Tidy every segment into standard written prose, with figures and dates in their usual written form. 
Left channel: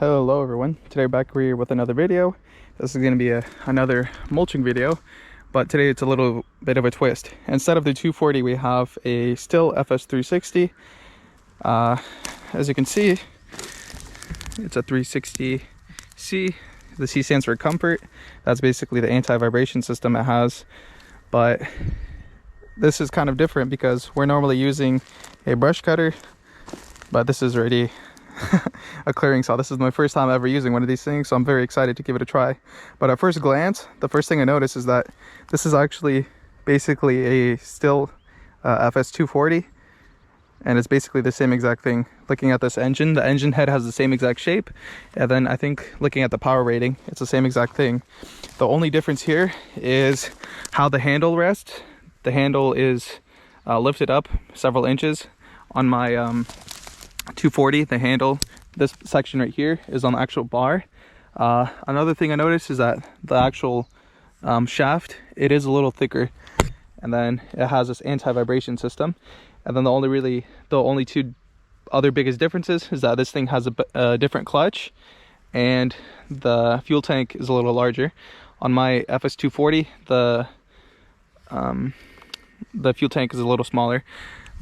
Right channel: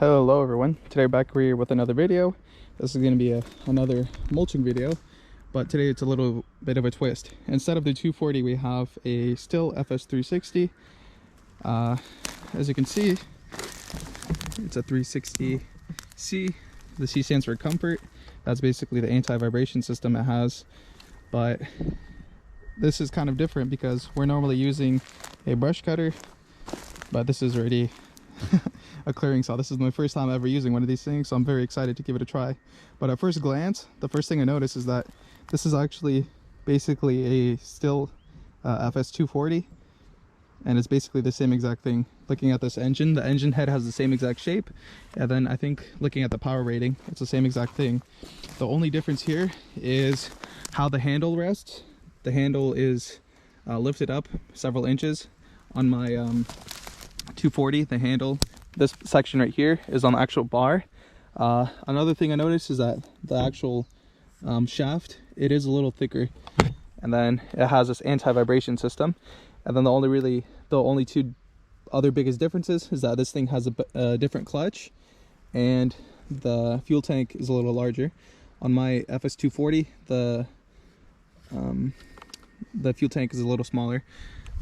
Hello everyone, today we're back here with another video. This is going to be another mulching video, but today it's a little bit of a twist. Instead of the 240 we have a Stihl FS-360. As you can see, it's a 360C. The C stands for comfort. That's basically the anti-vibration system it has, but this is kind of different because we're normally using a brush cutter, but this is already a clearing saw. This is my first time ever using one of these things, so I'm very excited to give it a try. But at first glance, the first thing I noticed is that this is actually basically a Stihl FS-240, and it's basically the same exact thing. Looking at this engine, the engine head has the same exact shape, and then I think looking at the power rating, it's the same exact thing. The only difference here is how the handle rests. The handle is lifted up several inches. On my 240, the handle, this section right here, is on the actual bar. Another thing I noticed is that the actual shaft, it is a little thicker, and then it has this anti-vibration system. And then the only two other biggest differences is that this thing has a different clutch, and the fuel tank is a little larger. On my FS-240, the fuel tank is a little smaller,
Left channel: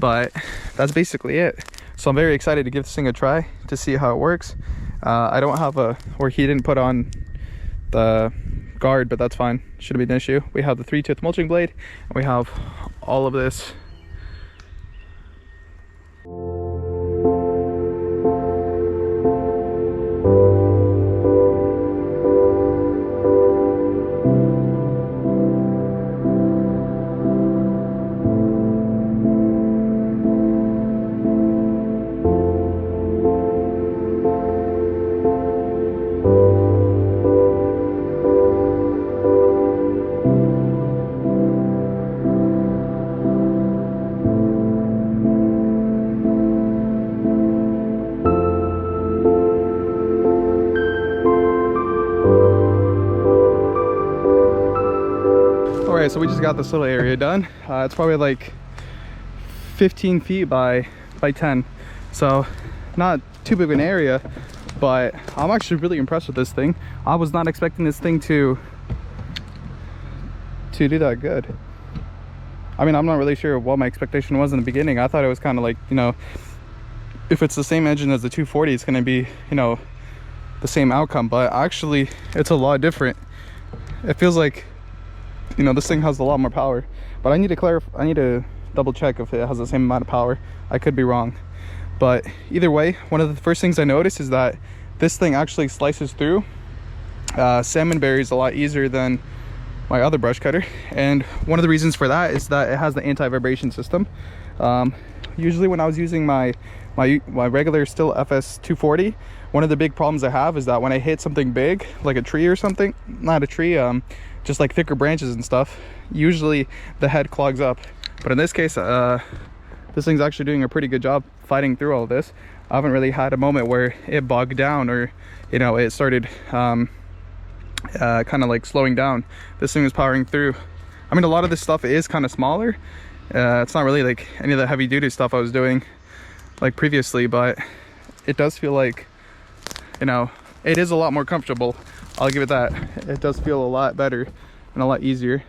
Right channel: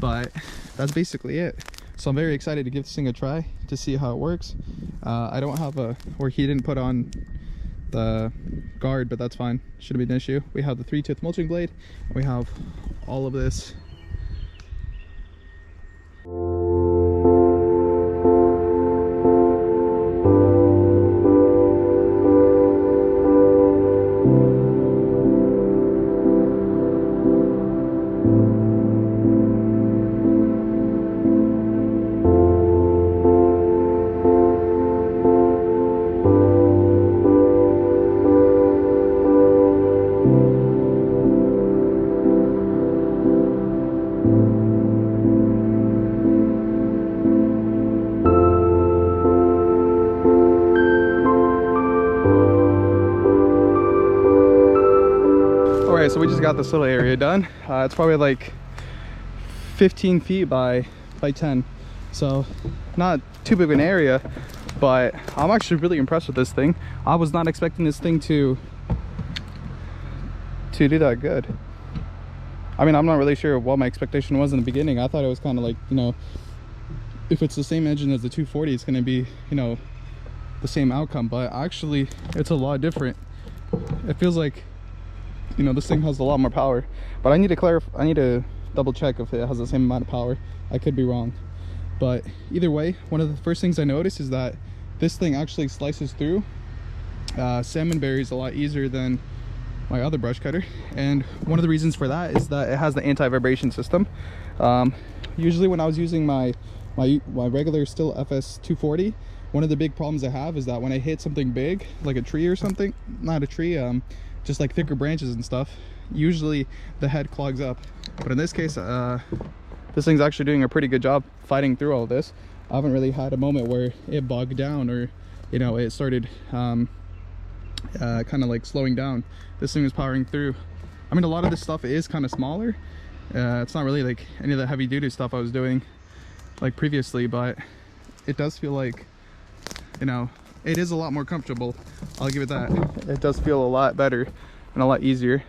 but that's basically it. So I'm very excited to give this thing a try to see how it works. I don't have he didn't put on the guard, but that's fine. Shouldn't be an issue. We have the 3-tooth mulching blade, and we have all of this. Alright, so we just got this little area done. It's probably like 15 feet by 10, so not too big of an area, but I'm actually really impressed with this thing. I was not expecting this thing to do that good. I mean, I'm not really sure what my expectation was in the beginning. I thought it was kind of like, you know, if it's the same engine as the 240, it's going to be, you know, the same outcome, but actually it's a lot different. It feels like, you know, this thing has a lot more power, but I need to double check if it has the same amount of power. I could be wrong, but either way, one of the first things I noticed is that this thing actually slices through salmonberries a lot easier than my other brush cutter. And one of the reasons for that is that it has the anti-vibration system. Usually when I was using my regular Stihl FS-240, one of the big problems I have is that when I hit something big, like a tree or something, not a tree, just like thicker branches and stuff, usually the head clogs up. But in this case, this thing's actually doing a pretty good job fighting through all this. I haven't really had a moment where it bogged down or, you know, it started kind of like slowing down. This thing is powering through. I mean, a lot of this stuff is kind of smaller. It's not really like any of the heavy duty stuff I was doing like previously, but it does feel like, you know, it is a lot more comfortable. I'll give it that. It does feel a lot better and a lot easier.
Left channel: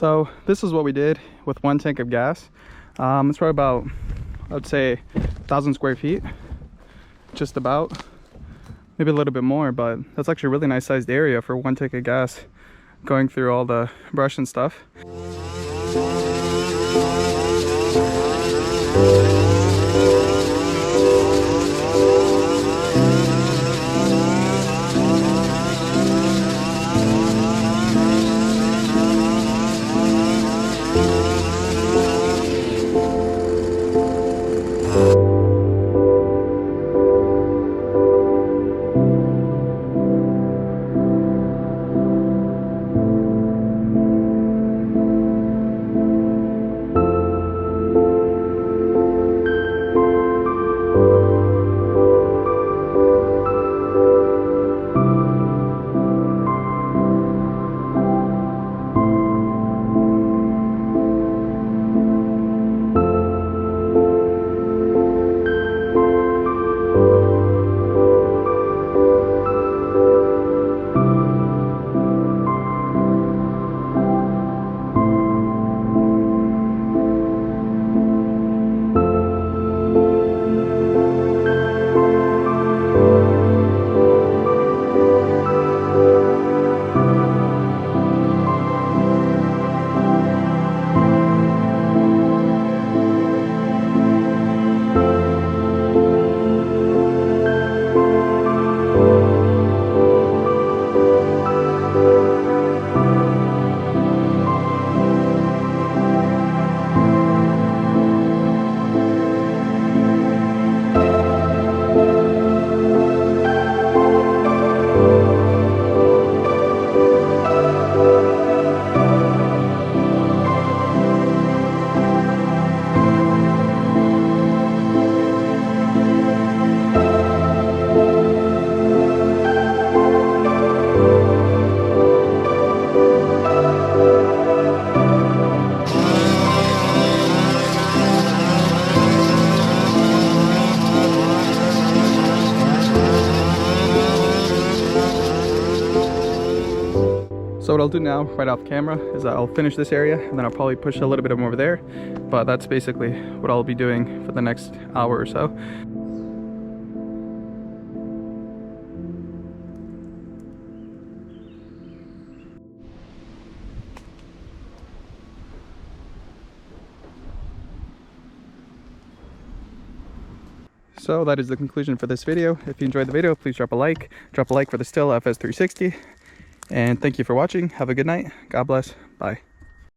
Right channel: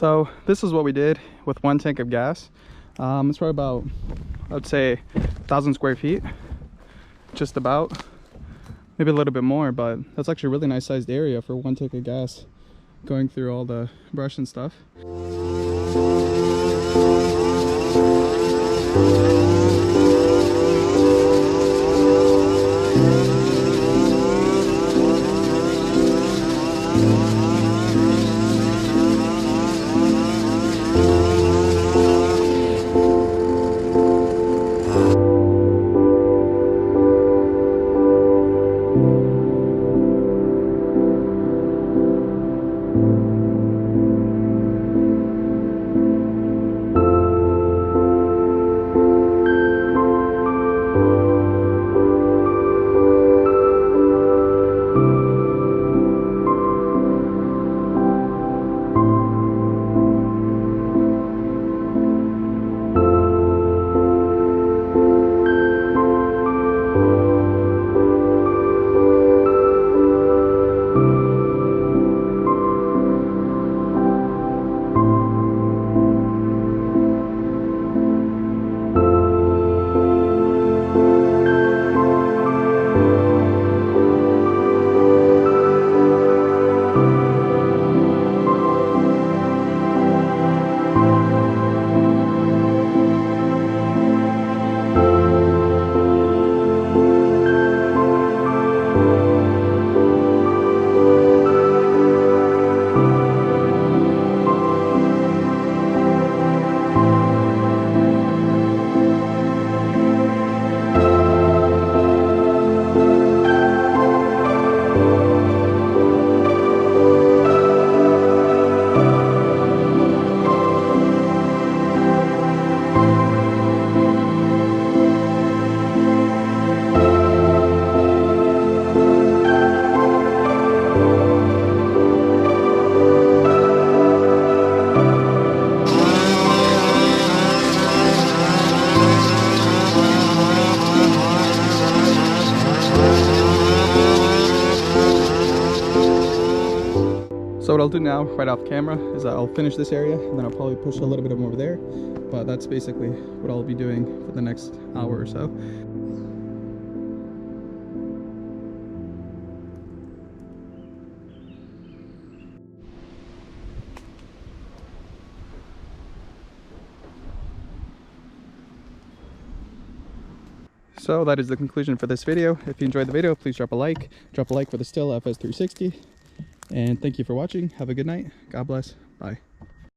So this is what we did with one tank of gas. It's probably about, I would say, 1,000 square feet, just about. Maybe a little bit more, but that's actually a really nice sized area for one tank of gas going through all the brush and stuff. So what I'll do now, right off camera, is I'll finish this area and then I'll probably push a little bit of them over there. But that's basically what I'll be doing for the next hour or so. So that is the conclusion for this video. If you enjoyed the video, please drop a like. Drop a like for the Stihl FS-360. And thank you for watching. Have a good night. God bless. Bye.